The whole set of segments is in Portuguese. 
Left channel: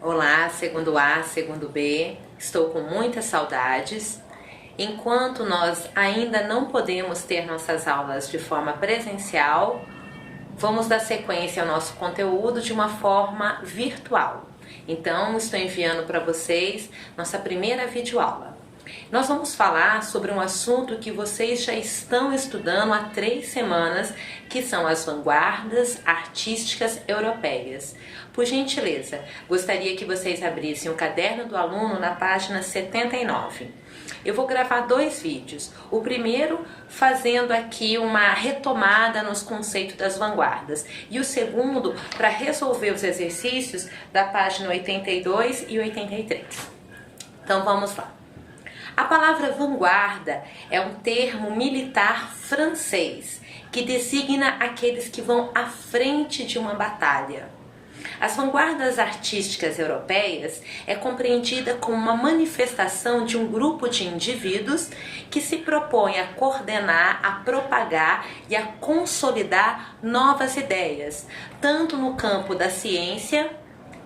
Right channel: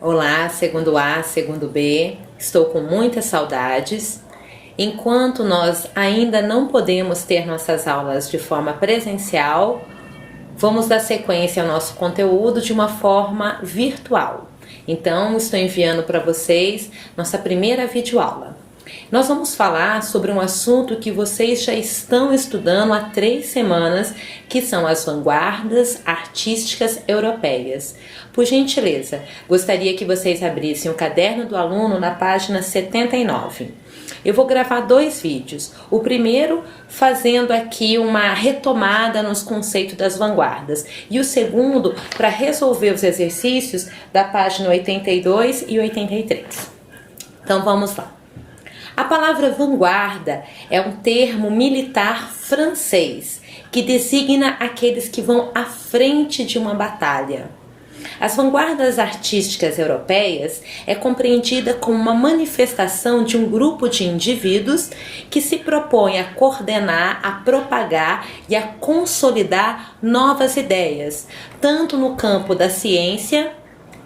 Olá, segundo A, segundo B, estou com muitas saudades. Enquanto nós ainda não podemos ter nossas aulas de forma presencial, vamos dar sequência ao nosso conteúdo de uma forma virtual. Então, estou enviando para vocês nossa primeira videoaula. Nós vamos falar sobre um assunto que vocês já estão estudando há 3 semanas, que são as vanguardas artísticas europeias. Por gentileza, gostaria que vocês abrissem o caderno do aluno na página 79. Eu vou gravar 2 vídeos. O primeiro fazendo aqui uma retomada nos conceitos das vanguardas e o segundo para resolver os exercícios da página 82 e 83. Então vamos lá. A palavra vanguarda é um termo militar francês que designa aqueles que vão à frente de uma batalha. As vanguardas artísticas europeias é compreendida como uma manifestação de um grupo de indivíduos que se propõe a coordenar, a propagar e a consolidar novas ideias, tanto no campo da ciência,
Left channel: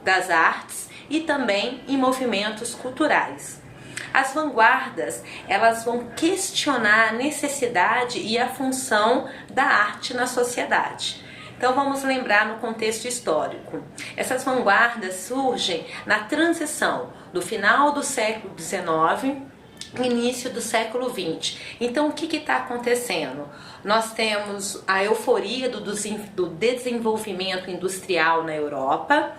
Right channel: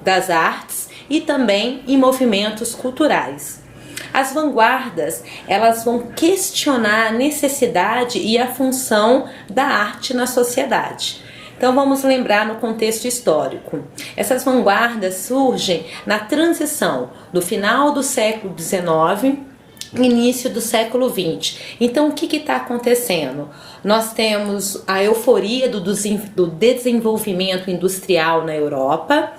das artes e também em movimentos culturais. As vanguardas, elas vão questionar a necessidade e a função da arte na sociedade. Então vamos lembrar no contexto histórico. Essas vanguardas surgem na transição do final do século XIX, início do século XX. Então o que está acontecendo? Nós temos a euforia do desenvolvimento industrial na Europa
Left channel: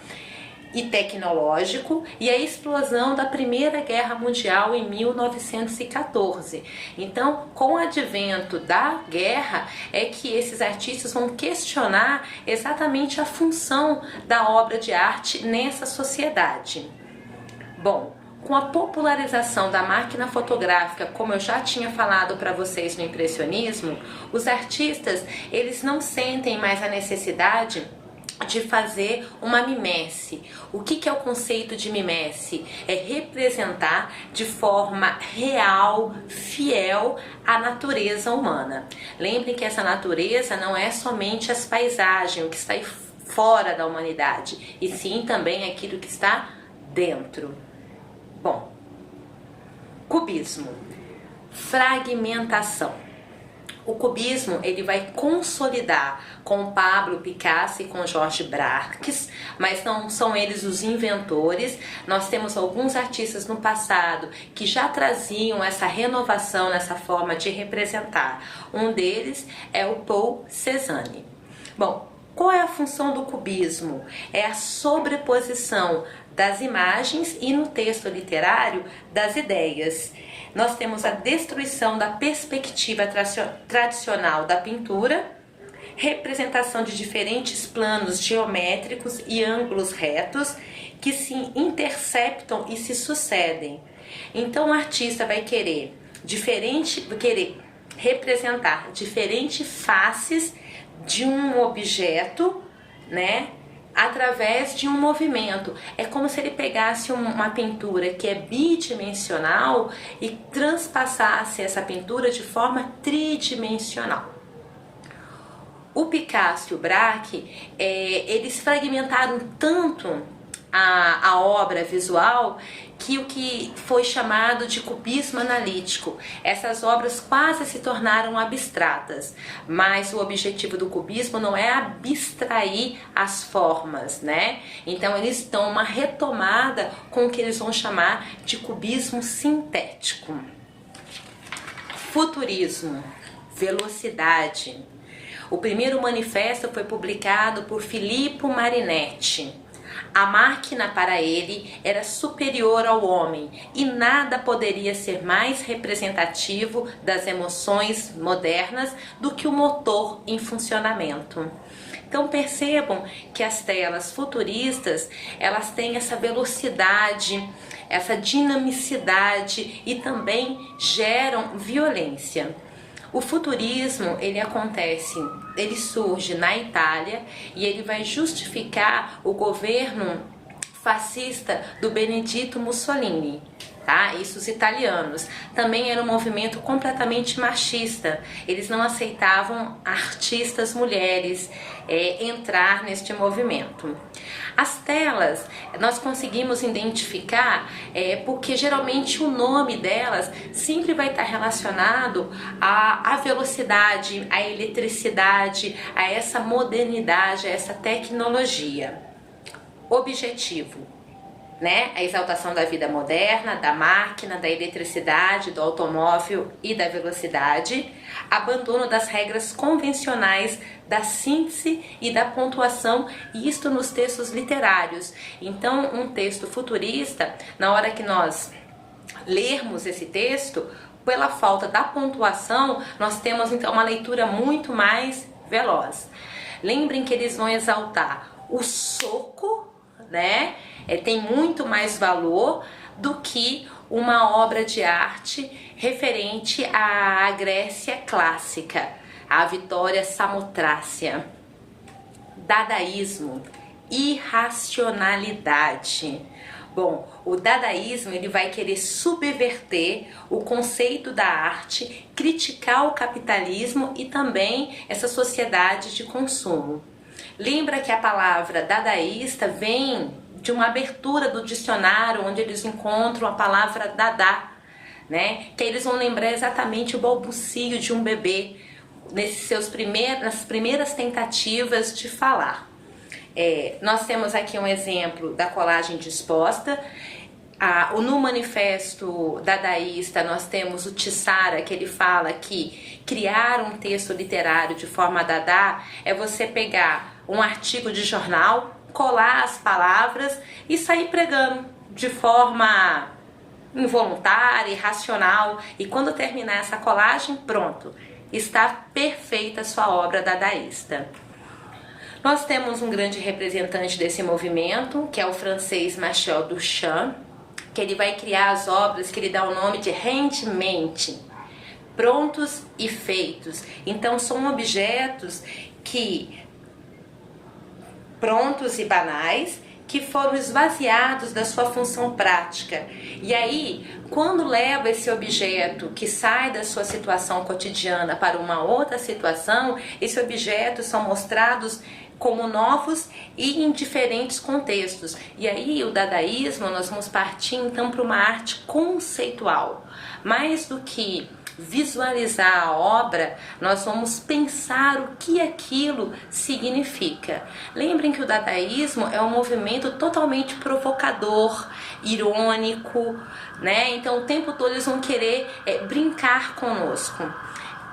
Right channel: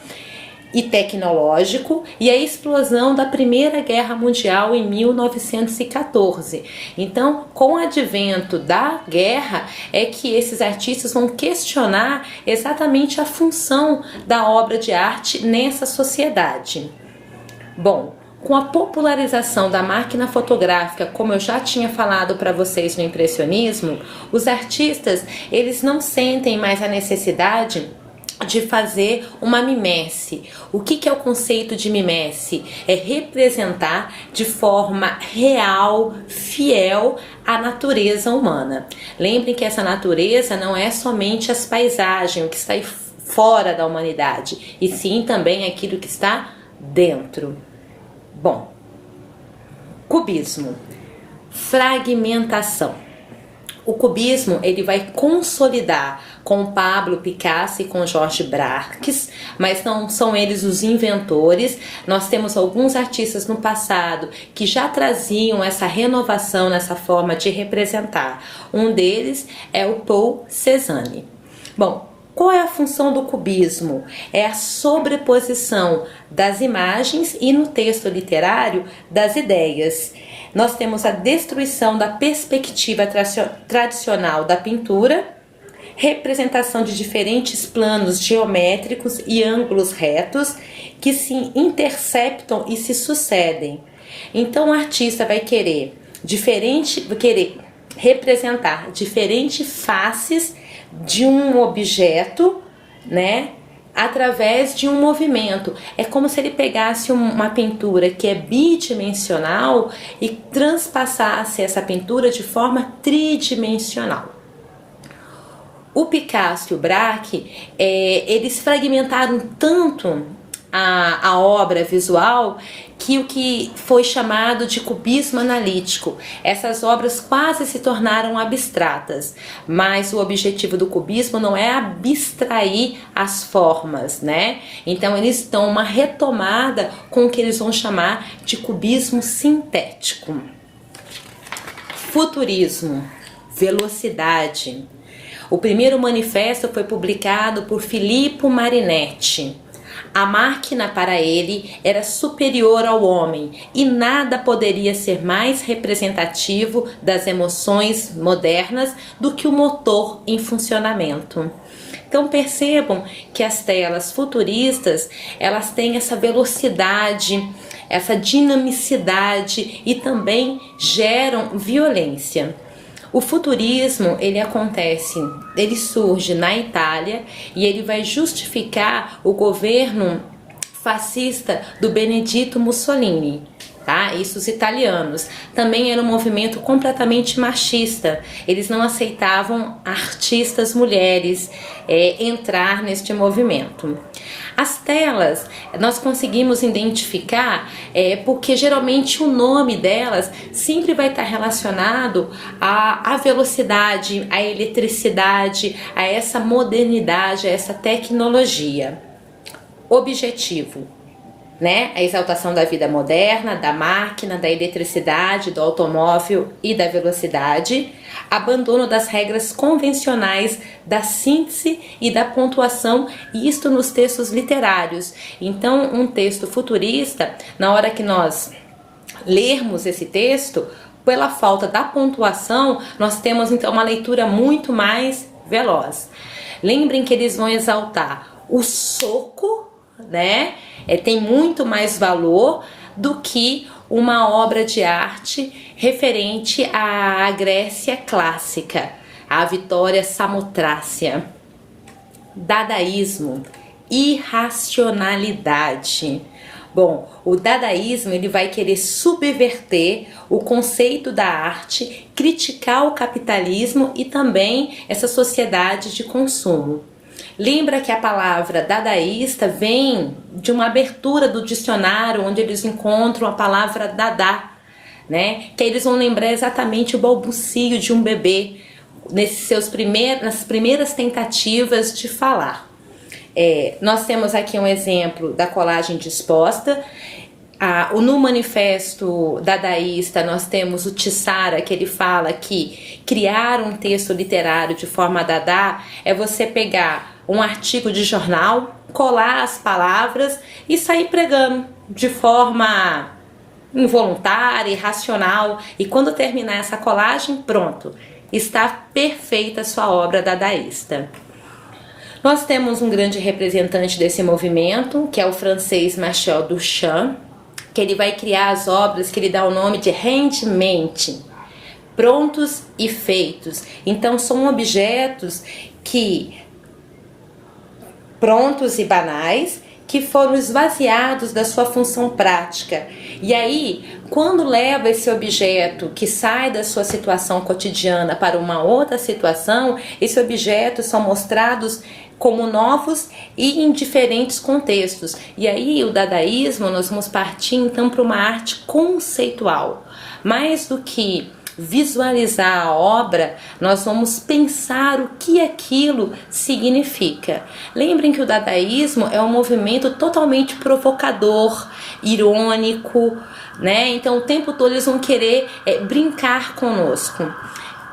e tecnológico e a explosão da Primeira Guerra Mundial em 1914. Então, com o advento da guerra, é que esses artistas vão questionar exatamente a função da obra de arte nessa sociedade. Bom, com a popularização da máquina fotográfica, como eu já tinha falado para vocês no impressionismo, os artistas, eles não sentem mais a necessidade de fazer uma mimese. O que é o conceito de mimese? É representar de forma real, fiel, a natureza humana. Lembrem que essa natureza não é somente as paisagens, o que está fora da humanidade, e sim também aquilo que está dentro. Bom, cubismo, fragmentação. O cubismo ele vai consolidar com Pablo Picasso e com Georges Braques, mas não são eles os inventores. Nós temos alguns artistas no passado que já traziam essa renovação nessa forma de representar. Um deles é o Paul Cézanne. Bom, qual é a função do cubismo? É a sobreposição das imagens e no texto literário das ideias. Nós temos a destruição da perspectiva tradicional da pintura, representação de diferentes planos geométricos e ângulos retos que se interceptam e se sucedem. Então o artista vai querer representar diferentes faces de um objeto, né? Através de um movimento. É como se ele pegasse uma pintura que é bidimensional e transpassasse essa pintura de forma tridimensional. O Picasso e o Braque, eles fragmentaram tanto a obra visual que o que foi chamado de cubismo analítico. Essas obras quase se tornaram abstratas, mas o objetivo do cubismo não é abstrair as formas, né? Então eles dão uma retomada com o que eles vão chamar de cubismo sintético. Futurismo, velocidade. O primeiro manifesto foi publicado por Filippo Marinetti. A máquina para ele era superior ao homem e nada poderia ser mais representativo das emoções modernas do que o motor em funcionamento. Então percebam que as telas futuristas, elas têm essa velocidade, essa dinamicidade e também geram violência. O futurismo, ele surge na Itália e ele vai justificar o governo fascista do Benedito Mussolini. tá? Isso os italianos. Também era um movimento completamente machista. Eles não aceitavam artistas mulheres entrar neste movimento. As telas nós conseguimos identificar porque geralmente o nome delas sempre vai estar relacionado à velocidade, à eletricidade, a essa modernidade, a essa tecnologia. Objetivo, né? A exaltação da vida moderna, da máquina, da eletricidade, do automóvel e da velocidade. Abandono das regras convencionais da síntese e da pontuação, e isto nos textos literários. Então, um texto futurista, na hora que nós lermos esse texto, pela falta da pontuação, nós temos então uma leitura muito mais veloz. Lembrem que eles vão exaltar o soco, né? Tem muito mais valor do que uma obra de arte referente à Grécia clássica, à Vitória Samotrácia. Dadaísmo, irracionalidade. Bom, o dadaísmo ele vai querer subverter o conceito da arte, criticar o capitalismo e também essa sociedade de consumo. Lembra que a palavra dadaísta vem de uma abertura do dicionário, onde eles encontram a palavra dadá, né? Que eles vão lembrar exatamente o balbucio de um bebê nas primeiras tentativas de falar. Nós temos aqui um exemplo da colagem disposta. No manifesto dadaísta nós temos o Tissara, que ele fala que criar um texto literário de forma dadá é você pegar um artigo de jornal, colar as palavras e sair pregando de forma involuntária, irracional, e quando terminar essa colagem, pronto, está perfeita a sua obra dadaísta. Nós temos um grande representante desse movimento, que é o francês Marcel Duchamp, que ele vai criar as obras que ele dá o nome de rendimento, prontos e feitos. Então são objetos prontos e banais, que foram esvaziados da sua função prática. E aí, quando leva esse objeto que sai da sua situação cotidiana para uma outra situação, esses objetos são mostrados como novos e em diferentes contextos. E aí, o dadaísmo, nós vamos partir então para uma arte conceitual. Mais do que visualizar a obra, nós vamos pensar o que aquilo significa. Lembrem que o dadaísmo é um movimento totalmente provocador, irônico, né? Então o tempo todo eles vão querer brincar conosco.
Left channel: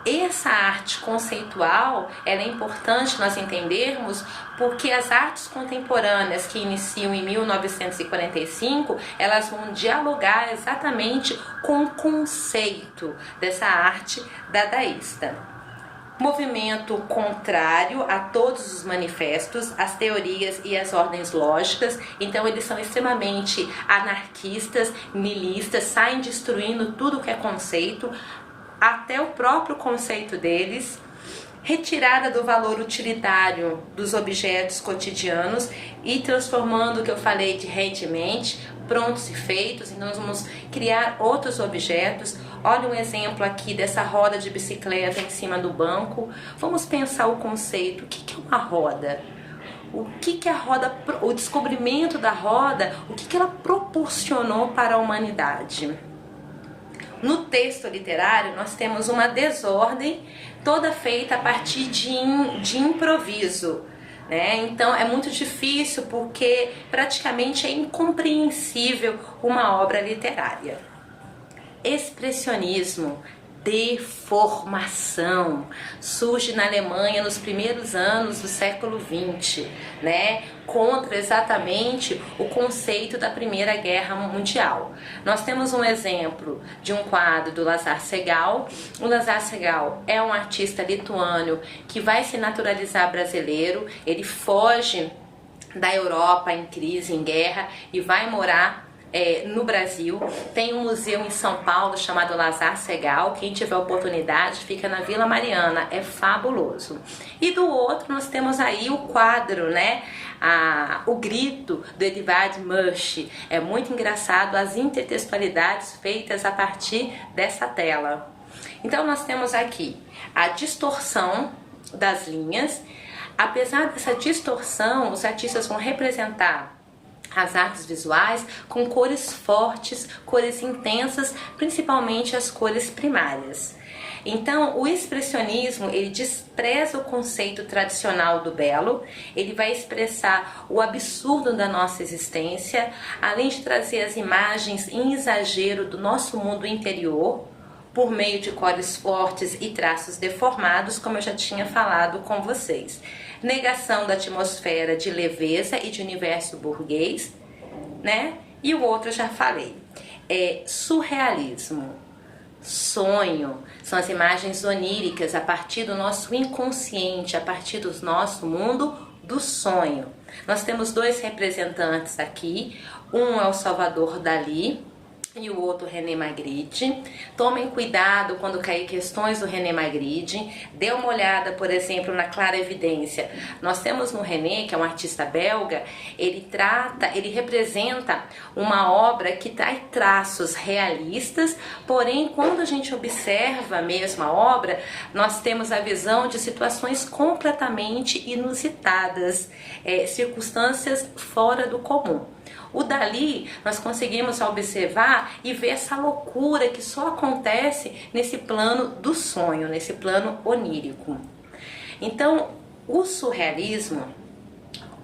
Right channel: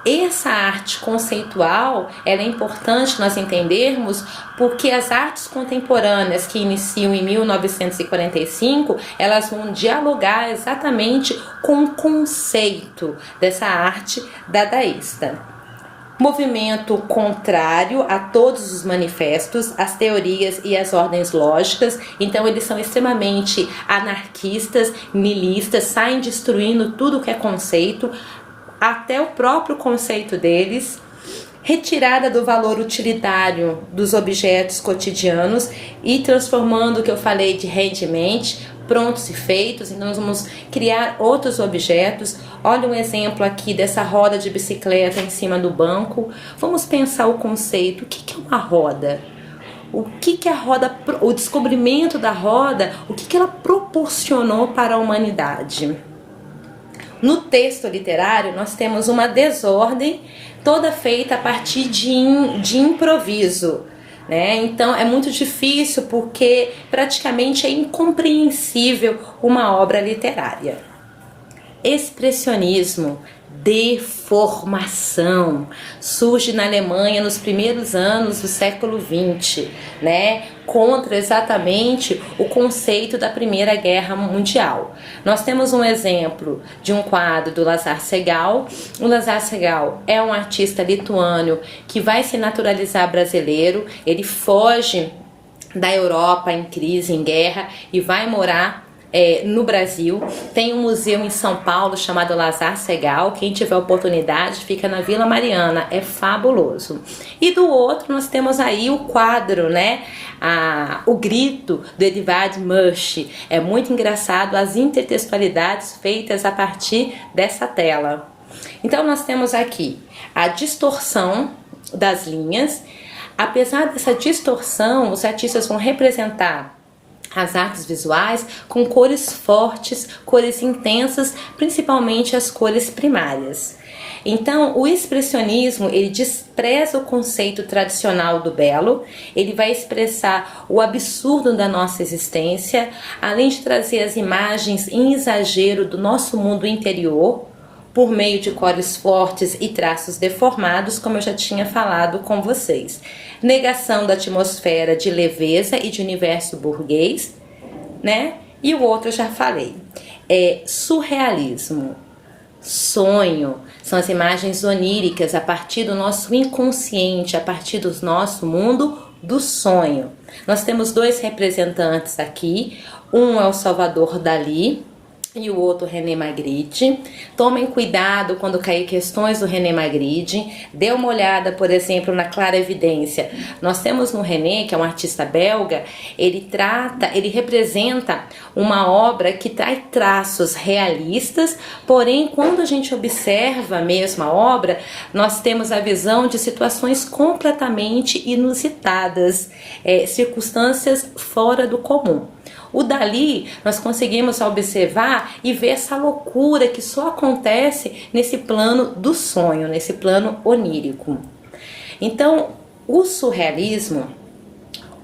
Essa arte conceitual, ela é importante nós entendermos porque as artes contemporâneas que iniciam em 1945, elas vão dialogar exatamente com o conceito dessa arte dadaísta. Movimento contrário a todos os manifestos, as teorias e as ordens lógicas. Então eles são extremamente anarquistas, nihilistas, saem destruindo tudo que é conceito, até o próprio conceito deles. Retirada do valor utilitário dos objetos cotidianos e transformando o que eu falei de rendimento, prontos e feitos. Então nós vamos criar outros objetos. Olha um exemplo aqui dessa roda de bicicleta em cima do banco. Vamos pensar o conceito. O que é uma roda? O que a roda, o descobrimento da roda, o que ela proporcionou para a humanidade? No texto literário nós temos uma desordem toda feita a partir de improviso, né? Então é muito difícil porque praticamente é incompreensível uma obra literária. Expressionismo, deformação, surge na Alemanha nos primeiros anos do século XX, né? Contra exatamente o conceito da Primeira Guerra Mundial. Nós temos um exemplo de um quadro do Lazar Segal. O Lazar Segal é um artista lituano que vai se naturalizar brasileiro. Ele foge da Europa em crise, em guerra, e vai morar no Brasil. Tem um museu em São Paulo chamado Lazar Segal. Quem tiver oportunidade, fica na Vila Mariana, é fabuloso. E do outro nós temos aí o quadro, né? o grito do Edvard Munch. É muito engraçado as intertextualidades feitas a partir dessa tela. Então nós temos aqui a distorção das linhas. Apesar dessa distorção, os artistas vão representar as artes visuais com cores fortes, cores intensas, principalmente as cores primárias. Então, o expressionismo, ele despreza o conceito tradicional do belo, ele vai expressar o absurdo da nossa existência, além de trazer as imagens em exagero do nosso mundo interior, por meio de cores fortes e traços deformados, como eu já tinha falado com vocês. Negação da atmosfera de leveza e de universo burguês, né? E o outro eu já falei. Surrealismo. Sonho, são as imagens oníricas a partir do nosso inconsciente, a partir do nosso mundo do sonho. Nós temos dois representantes aqui, um é o Salvador Dalí e o outro René Magritte. Tomem cuidado quando cair questões do René Magritte. Dê uma olhada, por exemplo, na Clara Evidência. Nós temos no René, que é um artista belga, ele representa uma obra que traz traços realistas, porém, quando a gente observa mesmo a obra, nós temos a visão de situações completamente inusitadas, circunstâncias fora do comum. O Dalí, nós conseguimos observar e ver essa loucura que só acontece nesse plano do sonho, nesse plano onírico. Então, o surrealismo,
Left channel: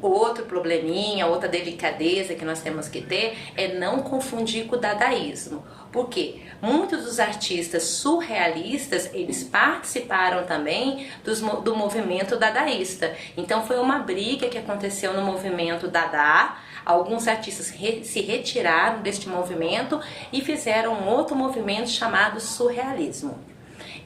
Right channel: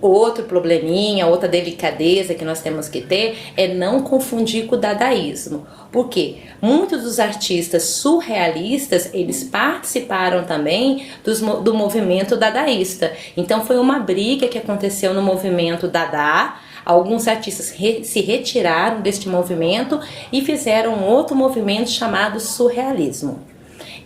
outro probleminha, outra delicadeza que nós temos que ter é não confundir com o dadaísmo. Por quê? Muitos dos artistas surrealistas, eles participaram também do movimento dadaísta. Então foi uma briga que aconteceu no movimento Dada. Alguns artistas se retiraram deste movimento e fizeram um outro movimento chamado surrealismo.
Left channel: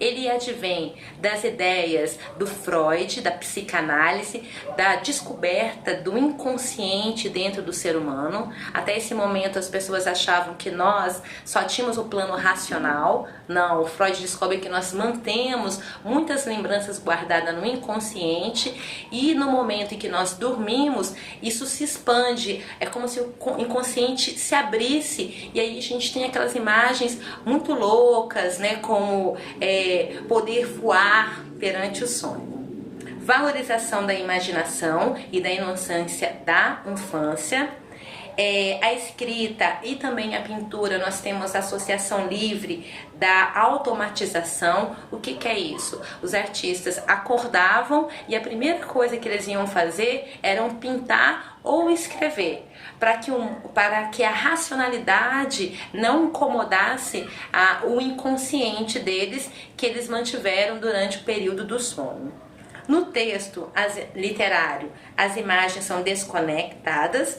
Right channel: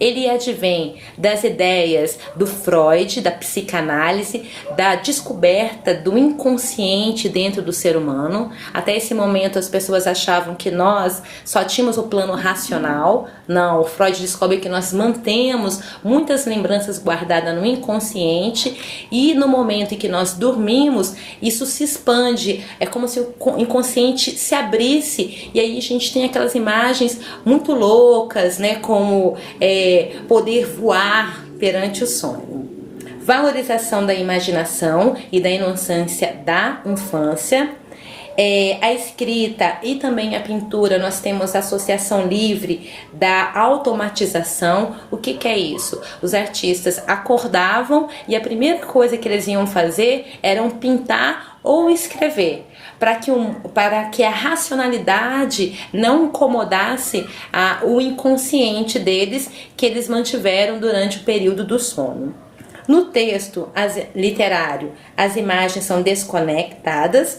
Ele advém das ideias do Freud, da psicanálise, da descoberta do inconsciente dentro do ser humano. Até esse momento as pessoas achavam que nós só tínhamos o plano racional. Não, o Freud descobre que nós mantemos muitas lembranças guardadas no inconsciente e no momento em que nós dormimos, isso se expande. É como se o inconsciente se abrisse e aí a gente tem aquelas imagens muito loucas, né, como poder voar perante o sonho. Valorização da imaginação e da inocência da infância. A escrita e também a pintura, nós temos a associação livre da automatização. O que é isso? Os artistas acordavam e a primeira coisa que eles iam fazer era pintar ou escrever, para que a racionalidade não incomodasse o inconsciente deles, que eles mantiveram durante o período do sono. No texto literário, as imagens são desconectadas,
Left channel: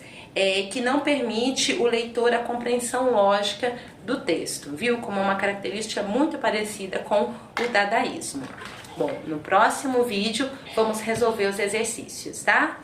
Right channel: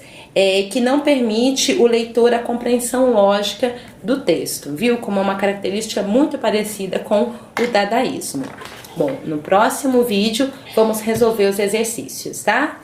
que não permite o leitor a compreensão lógica do texto, viu? Como uma característica muito parecida com o dadaísmo. Bom, no próximo vídeo vamos resolver os exercícios, tá?